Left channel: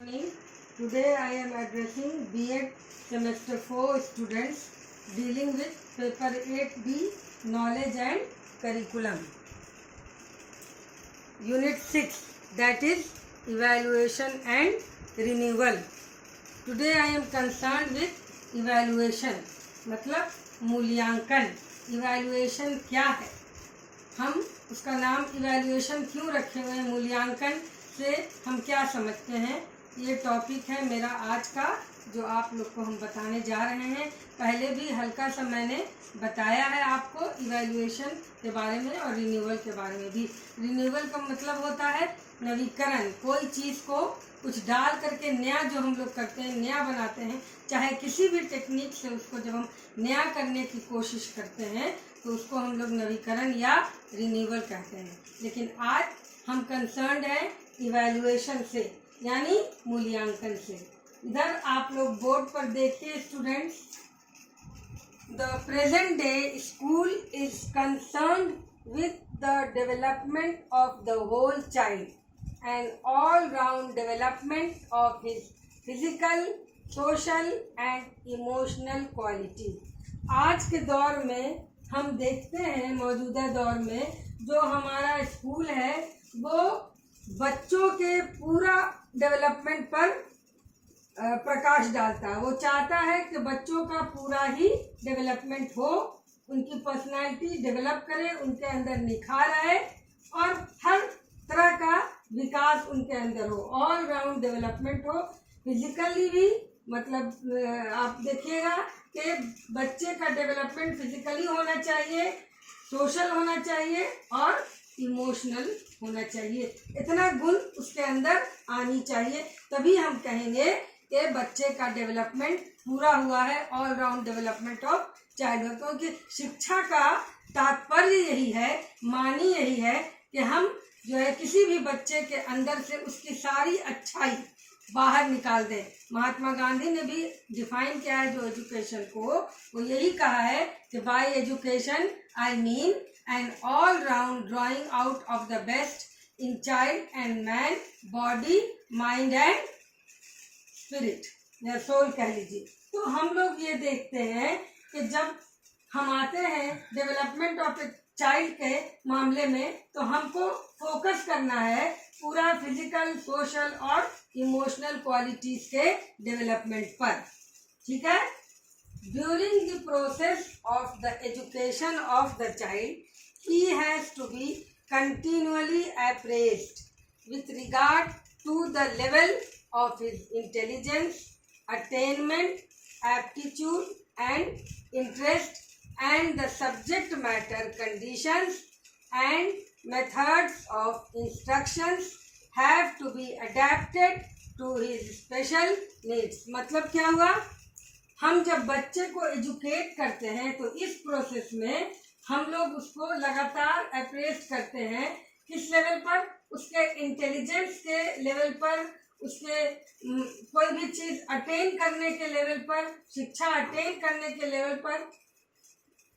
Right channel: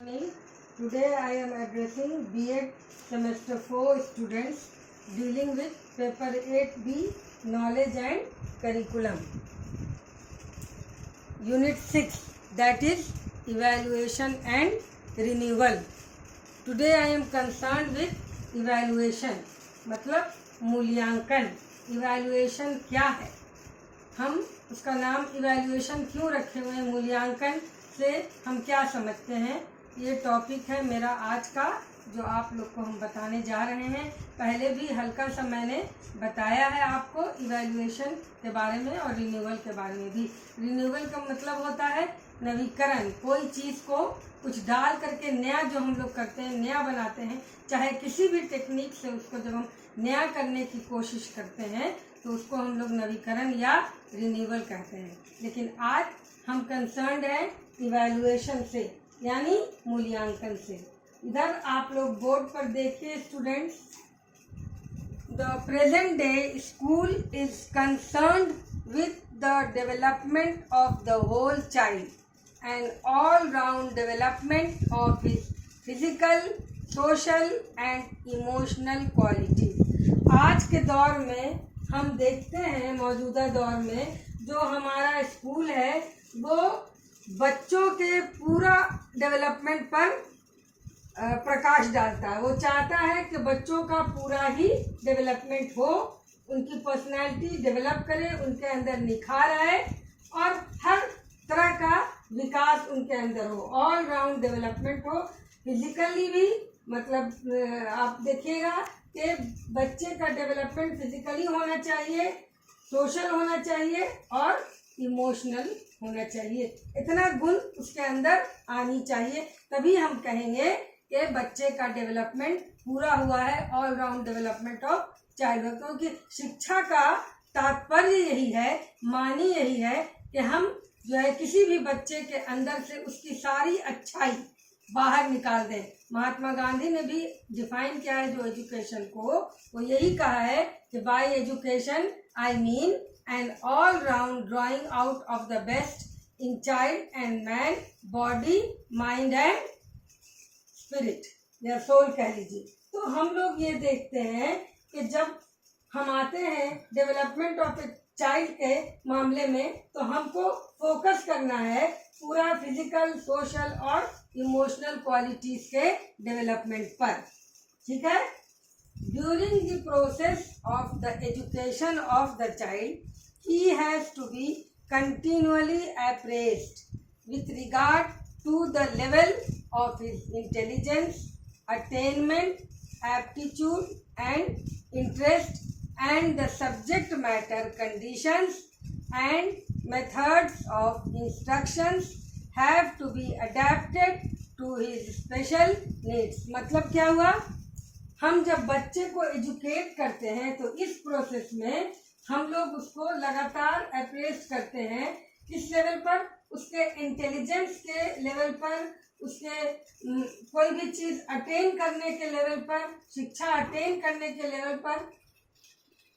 Morning. Today I am addressing B.Ed Semester 4 students dealing with Paper 8B Knowledge and Curriculum. Unit 6, that is Evaluation and Renewal. Today I am concerned with evaluation, मतलब मूल्यांकन. Evaluation क्या है, हम उसका नाम evaluation क्यों रखे हुए हैं, मूल्यांकन से हम क्या समझते हैं, ये टॉपिक है मेरा आज का जो आप लोग को हम बताने जा रहे हैं. पहले भी हल्का सा मैंने बताया है आपको इवैल्यूएशन के बारे में और रिन्यूअल के बारे में भी. रिन्यूअल का मतलब होता है नवीकरण, कोई चीज़ को कुछ डाल करके नया जो हम लोग करते हैं, नया बनाते हैं, चाहे किसी भी टेक्निक से उसको जब हम नया करने की कोशिश करते हैं तो उसको हम लोग नवीकरण या रिन्यूअल कहते हैं. लेकिन आज हम कंसर्न्ड है इवैल्यूएशन से, यानी मूल्यांकन से. इधर आप लोग बोर्ड पर देखिए students, the present day school is concerned with the development of the whole child and all round development of his physical, social and emotional quality. आज के दौर में हम देखते हैं, मौजूदा दौर में जो हमारा स्कूल है वो बच्चों के पूरा डेवलपमेंट पर प्रकाश डालता है. वो चाहता है कि बच्चों का पूरा ही डेवलपमेंट हो, उनकी पर्सनालिटी डेवलप करे, उनके अंदर निखार आए और हर तरह का विकास उनके अंदर हो, ऑल राउंड डेवलपमेंट हो. फिजिकली भी, मतलब आप देखिएगा कि बच्चे का डेवलपमेंट फिजिकली होना चाहिए, सोशल होना चाहिए और इमोशनल होना चाहिए. इतना गुण उसके अंदर आनी चाहिए, तभी हम कहेंगे कि बच्चे का डेवलपमेंट पूरा हुआ है, all round development of child. क्योंकि शिक्षा का तात्पर्य यही है, मानी यही है कि हम जो है किसी भी बच्चे के अंदर से उसकी सारी अच्छाई बाहर निकाल दें. महात्मा गांधी ने भी डिफाइन किया है जो एजुकेशन को, वो यही कहा है कि bye education I mean an all-round drawing out of the best in child and man, body, mind and spirit या soul कह लीजिए. तो हम लोग ये देखते हैं कि जब हम आते हैं डेवलपमेंट ऑफ ए चाइल्ड के मामले में तो हमको फोकस करना है पूरा फिजिकल, सोशल और इमोशनल क्वालिटीज के डेवलपमेंट पर. ठीक है. During the process of the education of the child he has to be continually appraised with regard to the level of his intelligence, attainment, aptitude and interest, and the subject matter conditions and methods of instructions have to be adapted to his special needs. मतलब क्या हुआ, हम जब बच्चे को educate करते हैं तो इस प्रोसेस में हम लोग उसको लगातार अप्रेस करते हैं. किस लेवल पर, उसके इंटेलिजेंस के लेवल पर, उसके कोई भी चीज़ अटेन करने के लेवल पर, शिक्षा अटेन करने के लेवल पर,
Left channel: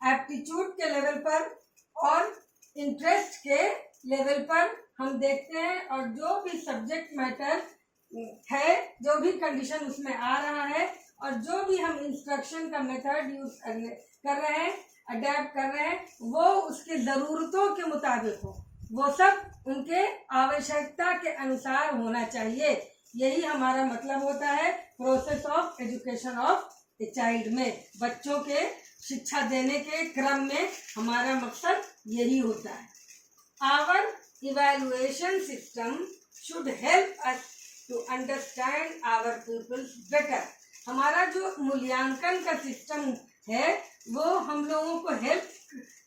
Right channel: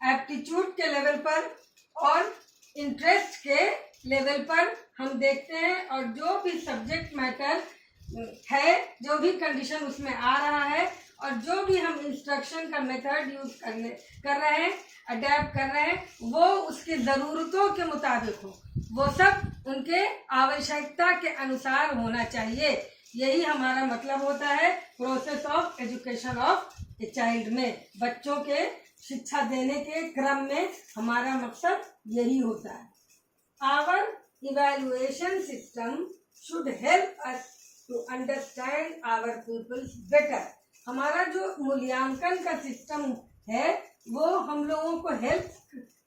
एप्टीट्यूड के लेवल पर और इंटरेस्ट के लेवल पर हम देखते हैं. और जो भी सब्जेक्ट मैटर है, जो भी कंडीशन उसमें आ रहा है और जो भी हम इंस्ट्रक्शन का मेथड यूज कर रहे हैं, अडेप्ट कर रहे हैं, वो उसके ज़रूरतों के मुताबिक हो, वो सब उनके आवश्यकता के अनुसार होना चाहिए. यही हमारा मतलब होता है process of education of a child में. बच्चों के शिक्षा देने के क्रम में हमारा मकसद यही होता है. Our evaluation system should help us to understand our peoples better. हमारा जो मूल्यांकन का सिस्टम है वो हम लोगों को हेल्प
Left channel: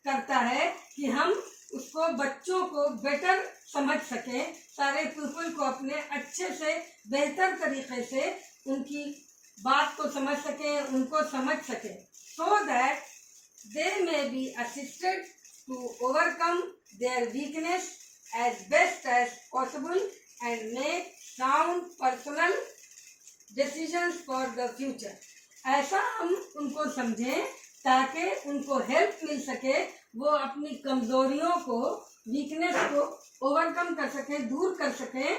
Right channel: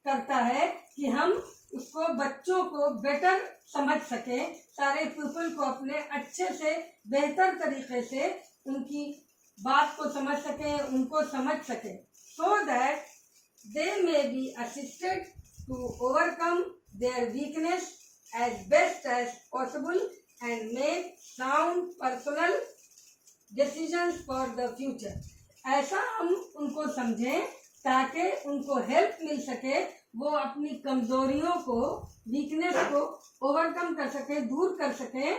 करता है कि हम उसको, बच्चों को बेटर समझ सकें, सारे पीपल को अपने अच्छे से, बेहतर तरीके से उनकी बात को समझ सकें, उनको समझ सकें, so that they may be assisted to overcome their weakness as best as possible and make sound personal decisions for the future. ऐसा हम उनको समझें ताकि उनको हेल्प मिल सके, वो अपनी कमजोरियों को, वीकनेस को ओवरकम कर सके, दूर कर सके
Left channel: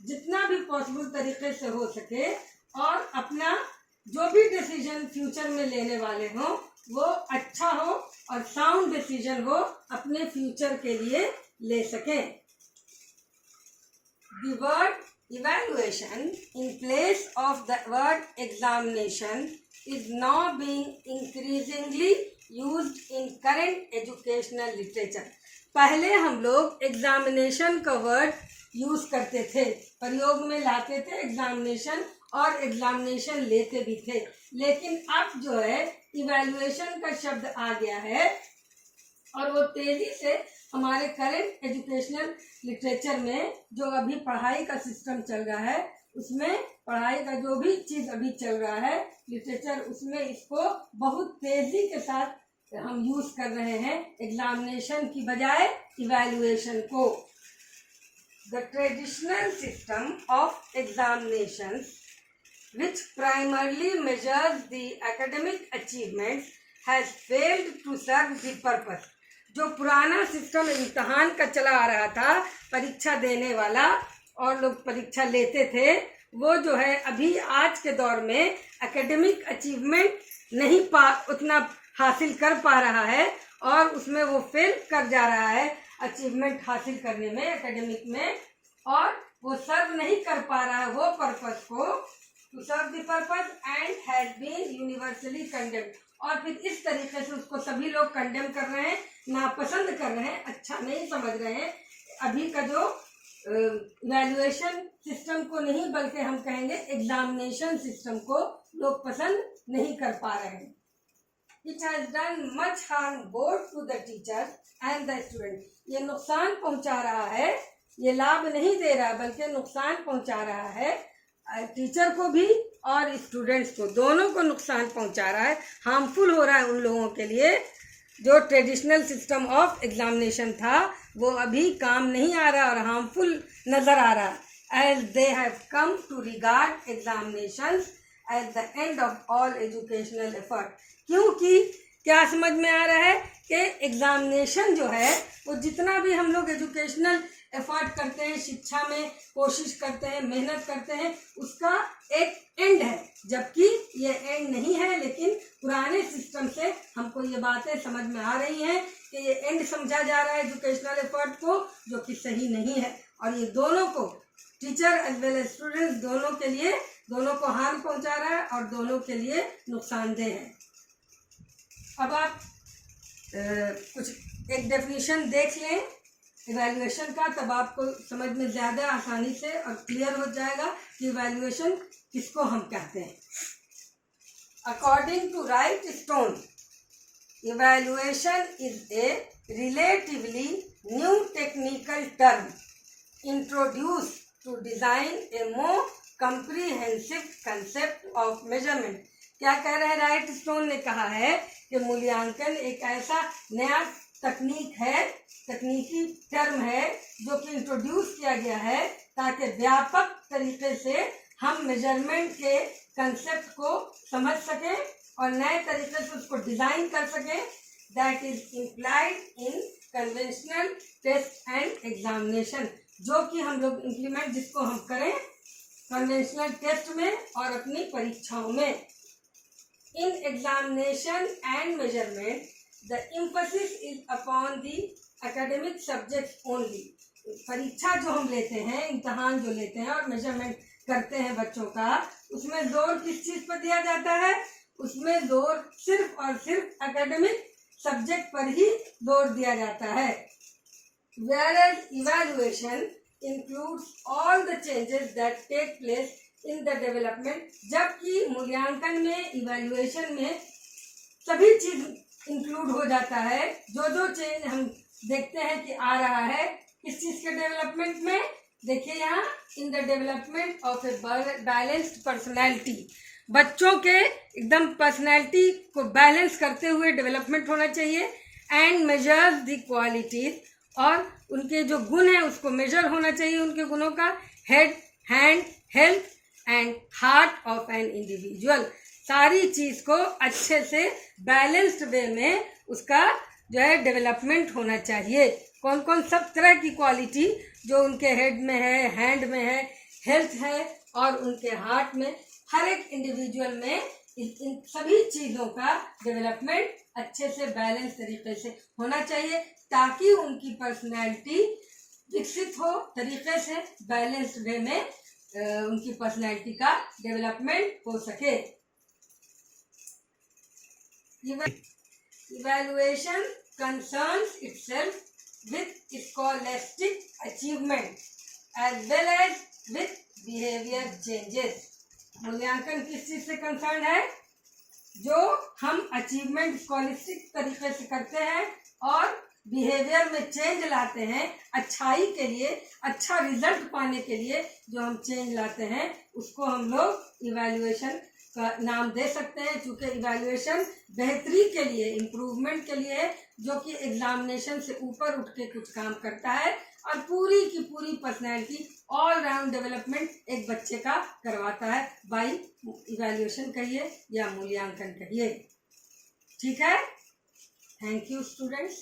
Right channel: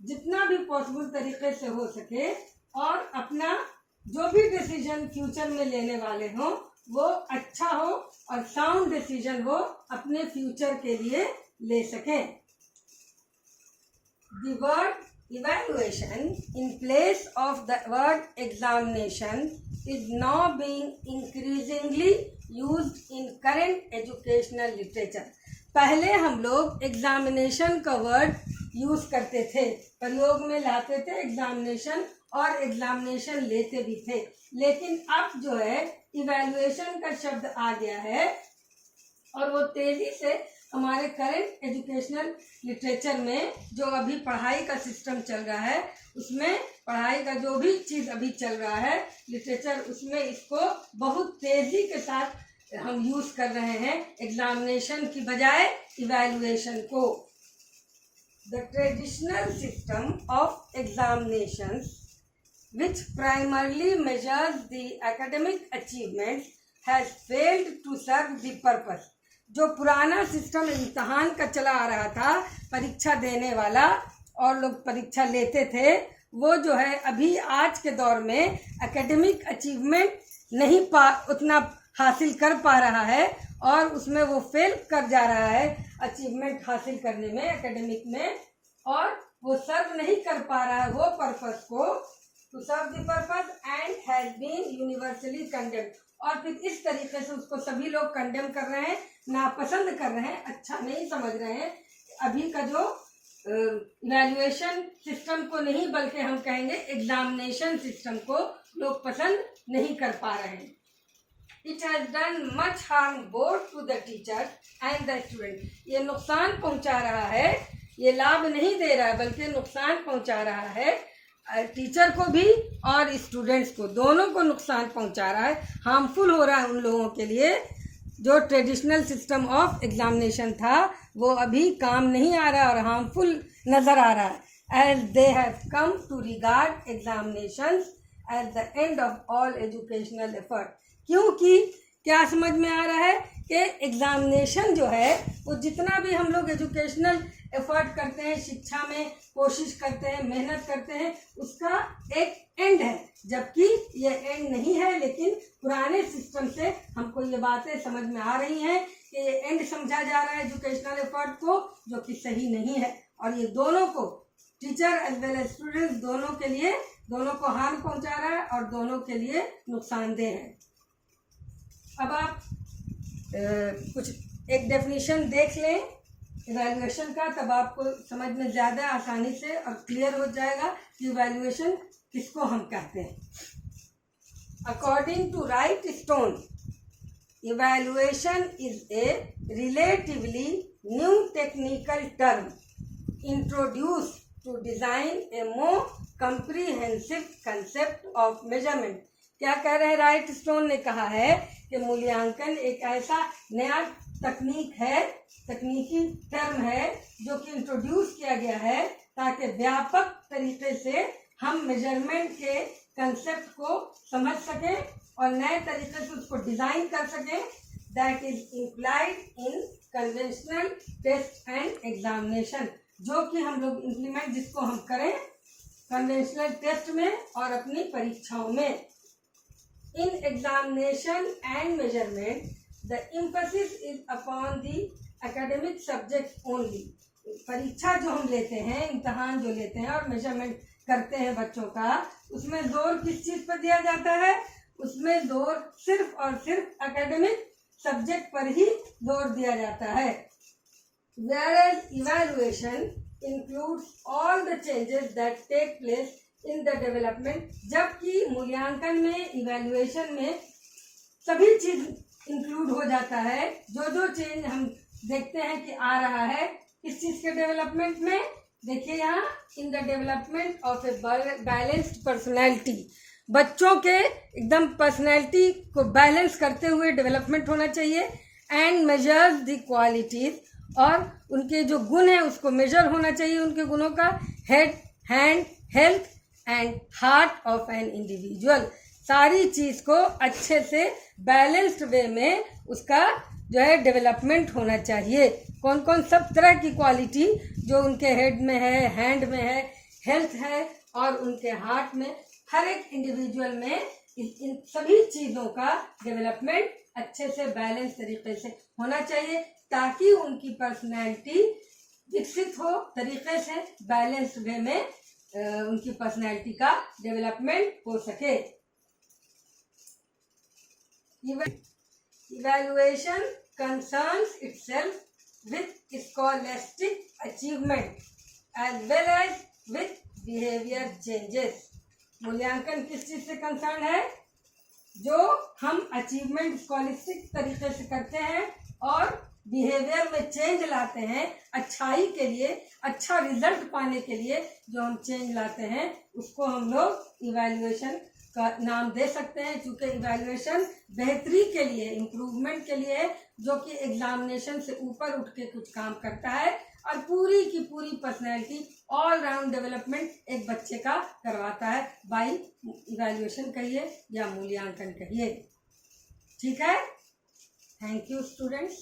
जितना भी पॉसिबल तरीके से हो सके, और अपना जो भी डिसीजन फ्यूचर में लेने वाले हों वो अच्छा हो और साउंड डिसीजन वो अपने फ्यूचर के लिए ले सकें। The word evaluation in place of the word examination is now being increasingly used in current educational literature. पहले हम लोग एग्जामिनेशन का वर्ड यूज करते थे, प्रयोग में लाते थे एग्जामिनेशन, और एग्जामिनेशन लेते भी थे, लेकिन अब जो है इवैल्यूएशन का शब्द आ गया है और वो तेजी से हमारे करंट एजुकेशनल लिटरेचर में जो अभी पढ़ाई का सिस्टम चल रहा है, उसमें पढ़ाई का जो भी चीज़ अभी चल रहा है लिटरेचर, उसमें इसको बहुत तेजी के साथ हम यूज कर रहे हैं एग्जामिनेशन की बजाय इवैल्यूएशन को। The traditional system of examinations which primarily measures the academic achievements has failed to serve the purpose. जो पुराना सिस्टम इम्तहान का चला आ रहा था, परीक्षा देने वाला और लोग परीक्षा लेते थे, वो जो है अभी आज के दौर में एकेडमिक अचीवमेंट नहीं उतना हासिल कर पा रहा है और उसमें वो फेल कर जा रहा है अचीवमेंट हासिल करने में एकेडमिक में, और वो सर्व नहीं कर पा रहा है वो पर्पस को, to serve the purpose, and has been universally condemned. और फिर इस तरीके से उसको सभी लोग कंडेम कर रहे हैं, नापसंद कर रहे हैं, अच्छा नहीं समझ रहे हैं। अभी का जो इवैल्यूएशन सिस्टम को नहीं बल्कि हम कहेंगे एग्जामिनेशन सिस्टम को लोग पसंद नहीं कर पा रहे हैं। It has done much harm both to the teachers and the student. ये नुकसान पहुंचा रहा है, ये लाभ नहीं दे रहा है बल्कि नुकसान पहुंचा रहा है, टीचर को भी और स्टूडेंट्स को, दोनों को नुकसान पहुंचा रहा है, हार्मफुल हो रहा है उन लोगों के लिए। जो ट्रेडिशनल सिस्टम ऑफ एग्जामिनेशन था वो अभी काम नहीं आ रहा और हार्मफुल नजर आ रहा है। As they have come to regard examinations at the end of all educational effort. क्योंकि क्या समझ में आ रहा है कि एग्जामिनेशन जो है वो जितना भी हम लोग एजुकेशनल एफर्ट करते हैं, शिक्षा में कोशिश करते हैं, मेहनत करते हैं, उसका एक एंड है, जबकि ये एंड नहीं है। लेकिन पुराने सिस्टम से हमको ये बातें समझ में आ रही हैं कि ये एंड समझा जा रहा है एजुकेशनल एफर्ट को, जो कि सही नहीं है, और ये दोनों को, teacher as well as students, दोनों के लिए, दोनों को हार्म पहुंचा रहा है और दोनों के लिए नुकसानदेह है। अब आप कुछ एक डेफिनेशन देख लें इवैल्यूएशन का, तब आपको समझ में ज़्यादा आसानी से और क्लियर हो जाएगा कि इवैल्यूएशन किसको हम कहते हैं। According to Wrightstone, evaluation is a relatively new technical term introduce to design a more comprehensive concept of measurement. क्या कह रहे हैं? राइट स्टोन ने कहा है कि मूल्यांकन एक ऐसा नया तकनीकी टर्म है जो कि इंट्रोड्यूस किया गया है ताकि व्यापक तरीके से हम मेजरमेंट के कंसेप्ट को समझ सकें और नए तरीके से उसको डिजाइन कर सकें। That is implied in conventional test and examination, जो कि हम लोग इम्प्लीमेंट जिसको हम करें कन्वेंशनल टेस्ट में और अपनी परीक्षाओं में। In examination and measurement the emphasis is upon the academic subjects only. परीक्षा जो हम लेते हैं, इम्तहान जो लेते हैं और मेजरमेंट करते हैं बच्चों का, उसमें जोर किस चीज पर दिया जाता है? उसमें जोर सिर्फ और सिर्फ एकेडमिक सब्जेक्ट पर ही जोर दिया जाता है। Whereas evaluation includes all the changes that take place in the development, जबकि मूल्यांकन में, इवैल्यूएशन में सभी चीज इंक्लूड हो जाता है। जो चेंज हम देखते हैं कि आ रहा है किस चीज के डेवलपमेंट में, देखिए यहाँ, in the development of a balanced personality, बच्चों के एकदम पर्सनैलिटी को बैलेंस करते हुए डेवलपमेंट होना चाहिए। एंड मेजर्स द क्वालिटीज, और उनके जो गुण है उसको मेजर होना चाहिए, उनके गुणों का, head, hand, health and heart of an individual. सारी चीज को अच्छे से बैलेंस्ड वे में उसका जो है डेवलपमेंट होना चाहिए। कौन कौन सब तरह की क्वालिटी जो उनके हेड में है, हैंड में है, हेल्थ है और उनके हार्ट में, हर एक इंडिविजुअल में इन सभी चीज़ों का डेवलपमेंट अच्छे से बैलेंस तरीके से होना चाहिए, ताकि उनकी पर्सनैलिटी विकसित हो तरीके से, बैलेंस वे में उनकी पर्सनैलिटी का डेवलपमेंट हो सके। Evaluation concerns itself with scholastic achievement as well as with behavior changes. मूल्यांकन किस चीज से कंसर्न है? जो हम अचीवमेंट स्कॉलस्टिक तरीके से करते हैं और बिहेवियर में चेंज लाते हैं, अच्छाई के लिए, अच्छा रिजल्ट पाने के लिए जो हम चेंज लाते हैं, उसको हम लोग इवैल्यूएशन का नाम दे सकते हैं। क्योंकि इवैल्यूएशन बेहतरी के लिए, इम्प्रूवमेंट के लिए, जो कि एग्जामिनेशन से ऊपर उठ के कुछ काम करता है और पूरी की पूरी पर्सनैलिटी ऑल राउंड डेवलपमेंट एक बच्चे का करवाता है बाय इवैल्यूएशन कहिए या मूल्यांकन कहिए। ठीक है, थैंक यू स्टूडेंट्स।